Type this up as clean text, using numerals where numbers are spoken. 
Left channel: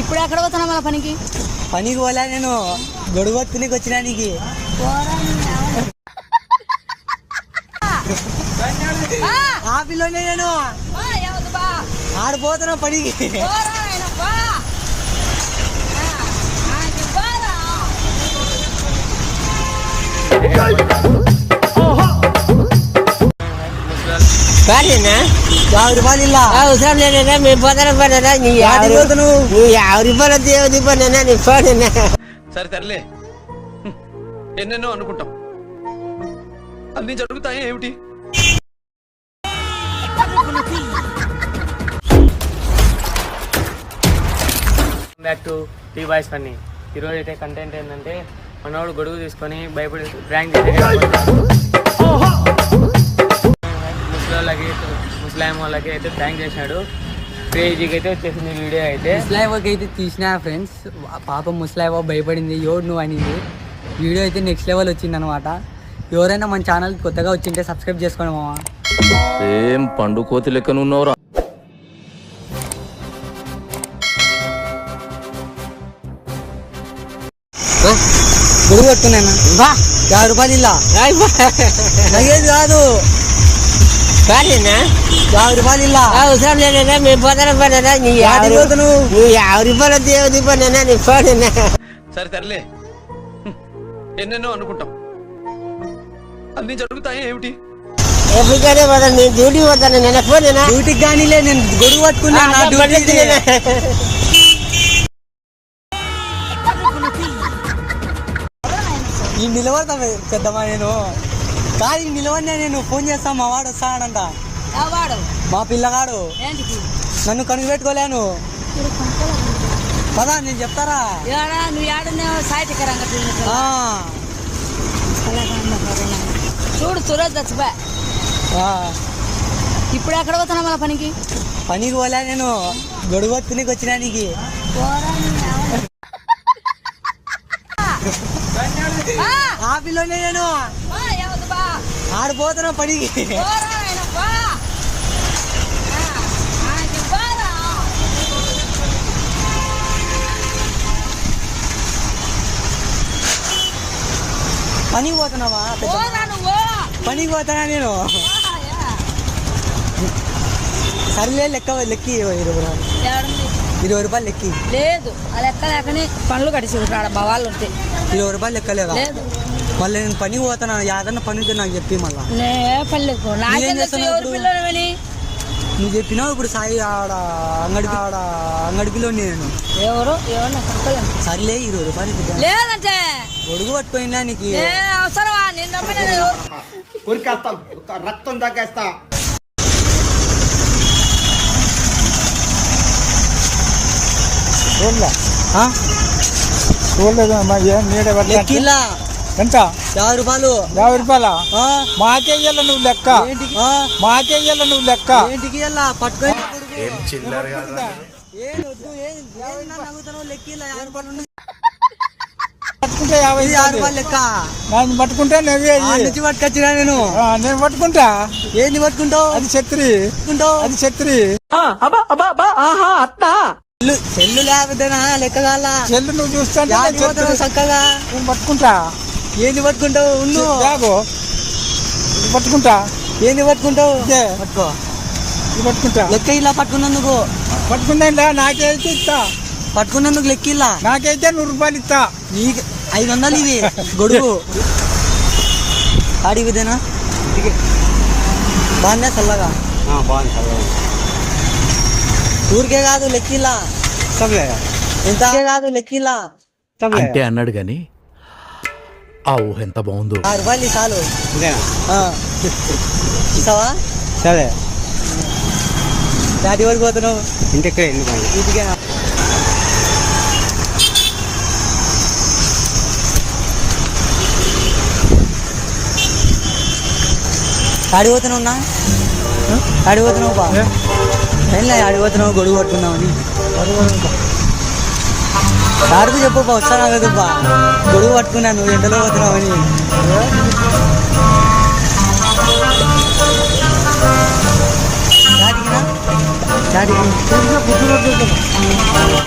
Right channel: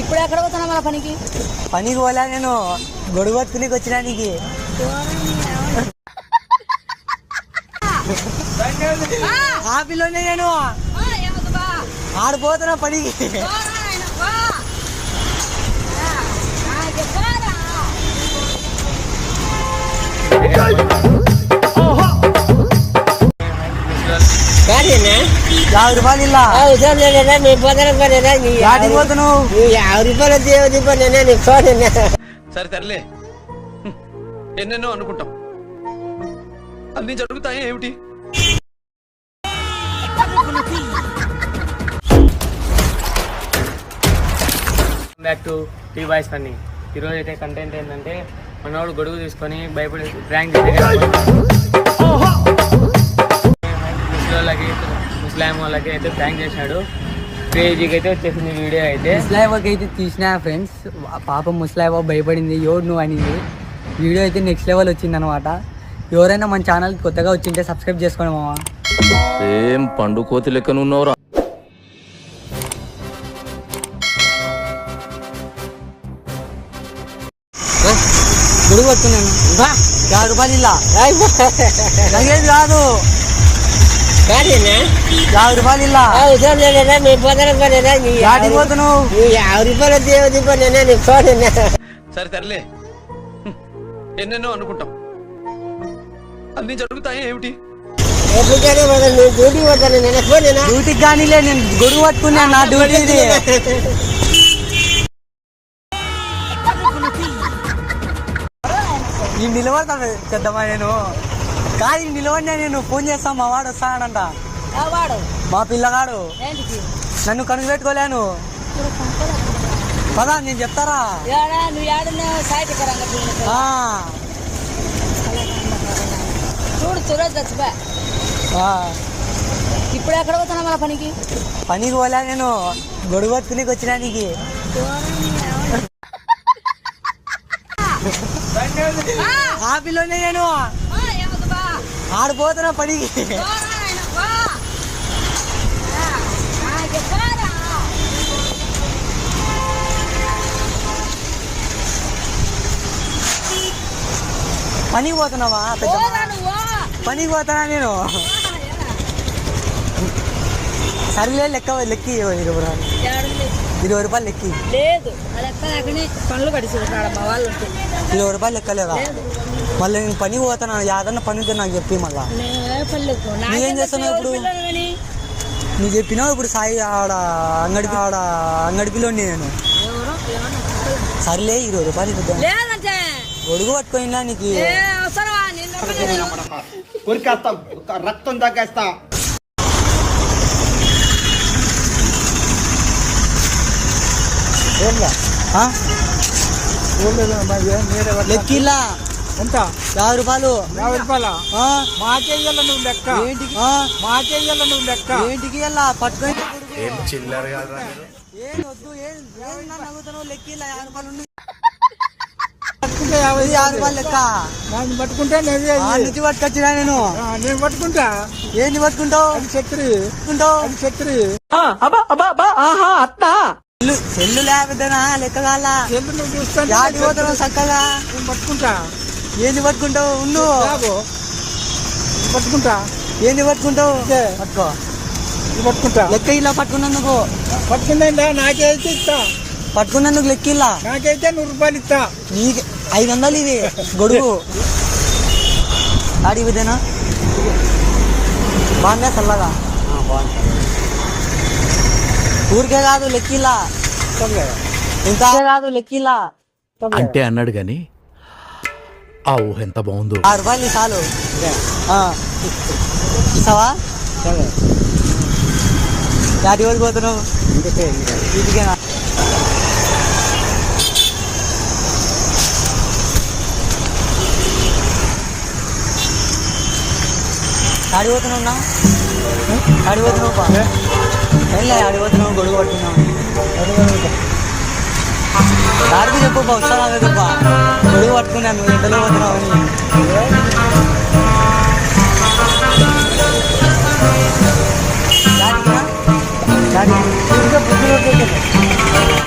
ఇప్పుడు ఎక్కడ పోతున్నా మన పనికి పోలే నేను గొడుగు పట్టుకుని వచ్చినా నీకు ఆ పిల్లనే నేను ఆడిపోతున్నా పనికి సరే తరలే ఎన్నెన్నో అనుకుంటాం అన్ని జరుగుతాయి ఏమిటి back to T boys funny. ఈరోజు అయితే కంటెంట్ ఏంటంటే మనోడు గొడుగు తీసుకొని భయపడి ప్రాంక్ ముస్లాం వాళ్ళకి అయితే ప్రాంక్ చేసినాడు. క్రేజీకి అయితే వచ్చేసింది వీడియో అయితే. ముస్లాంకి అయితే తీసిన ఫ్రెండ్స్, పాపం ముస్లాం భయపడింది, ఎవరు నువ్వు అనింది. వీడియో అయితే నెక్స్ట్ లెవెల్ వచ్చింది అనమాట. ఎవరైనా మన ఛానల్ కొత్తగా వచ్చింటే సబ్స్క్రైబ్ చేసుకోండి మామ. ఏం పండు కోతి లెక్కన ఉన్నావురా. గొడుగు పట్టుకున్నాను 50 రూపాయలు ఇలా అయ్యేది కాదు 50 రూపాయలు ఇలా సరే తరలే ఎన్నెన్నో అనుకుంటాం అన్ని జరుగుతాయి ఏమిటి డ్యూటీకి కానీలే, నేను గొడుగు పట్టుకున్నా, నా డ్యూటీ ఇది. ఈ నిలబడతా పెద్దమ్మా, నేను కాదు నిలబడినా, నేను ఫోన్ చేస్తా, మా వాడు వస్తాడంట, మా పిల్లగాడు. నన్ను కనుక పెట్టుకోలేను పదా, నేను చెప్తారా. ఇప్పుడు ఎక్కడ పోతున్నా మన పనికి పోలే నేను గొడుగు పట్టుకుని వచ్చినా నీకు ఆ పిల్లనే నేను ఆడిపోతున్నా పనికి. పనికి పోతున్నావా? పనికి పోతానా నేను. సర్లే లెక్కి 20 రూపాయలు లెక్కి లేదు, పనులు కడిసి మా వాళ్ళు 20 రూపాయలు లెక్కలేదా? మళ్ళీ నేను పనికి పోతాను, ఏదన్నా పని ఉంటే నాకు చెప్పి. మళ్ళా నువ్వేం చేస్తున్నావు ఇప్పుడు? నువ్వు చెప్పినావు ఇప్పుడు సాయి ఆడ అంగడి పిలో నేను. సర్లే 20 రూపాయలు గొడుగు పట్టుకోయినా నీకు రక్తం తగ్గేస్తా. లెక్కిలా ఎంత? 50 రూపాయలు. 50 రూపాయల మాకేయాల నువ్వు లెక్క, మాకేయాల నువ్వు లెక్క. ఏంటికి వెళ్ళా పట్టుకొని చిల్లర ఏం వద్దు, ఏం నవ్వుతావు? లెక్కిలా 50 రూపాయలు పట్టుకుంటా, 50 రూపాయలు లెక్క. నన్ను పట్టుకుంటా, నుంచి పట్టుకొచ్చినా నేను పట్టుకుంటా. ఏంది పట్టుకుంటావు? అది ఛత్రి, అది ఛత్రి. సెల్లు లేకపోతేనా లెక్కగాల చెల్లు నువ్వు చూస్తాను చక్కగా. నేను పట్టుకుంటా. ఏంది పట్టుకుంటావు? ఉండు పట్టుకుంటా. ఏంది పట్టుకుంటావు? పట్టుకో, పట్టుకుంటా. లెక్క ఇలా పట్టుకున్నందుకు. పట్టుకుంటా, నాకైతే ఇస్తా. పట్టుకున్నందుకు లెక్క ఇలా నాకైతే 100 రూపాయలు ఇస్తా. నీకు 500 ఇది గొడుగు. ఆడి విధేనా బాగున్నా చల్లగా? ఊరికే కాదు లెక్కిలా, ఎంత కాదు లెక్కిలా అంటే అన్నాడు గాని ఆ ఊహ ఎంత బాగుందో. 6 రూపాయలు చాలు. ఇస్తావా? సరే. దాటి వరకు పోతున్నావు ఇంటికి? ఇంటికేనా? ఆడిపోతున్నావునా? ఆడిపోతున్నావు ఆడిపోతున్నావు గొడుగు పట్టుకున్నావు. దారికి చెప్పు వస్తాను గొడుగు పట్టుకున్నాను, నువ్వు ఎంతలో పోతున్నావు అని.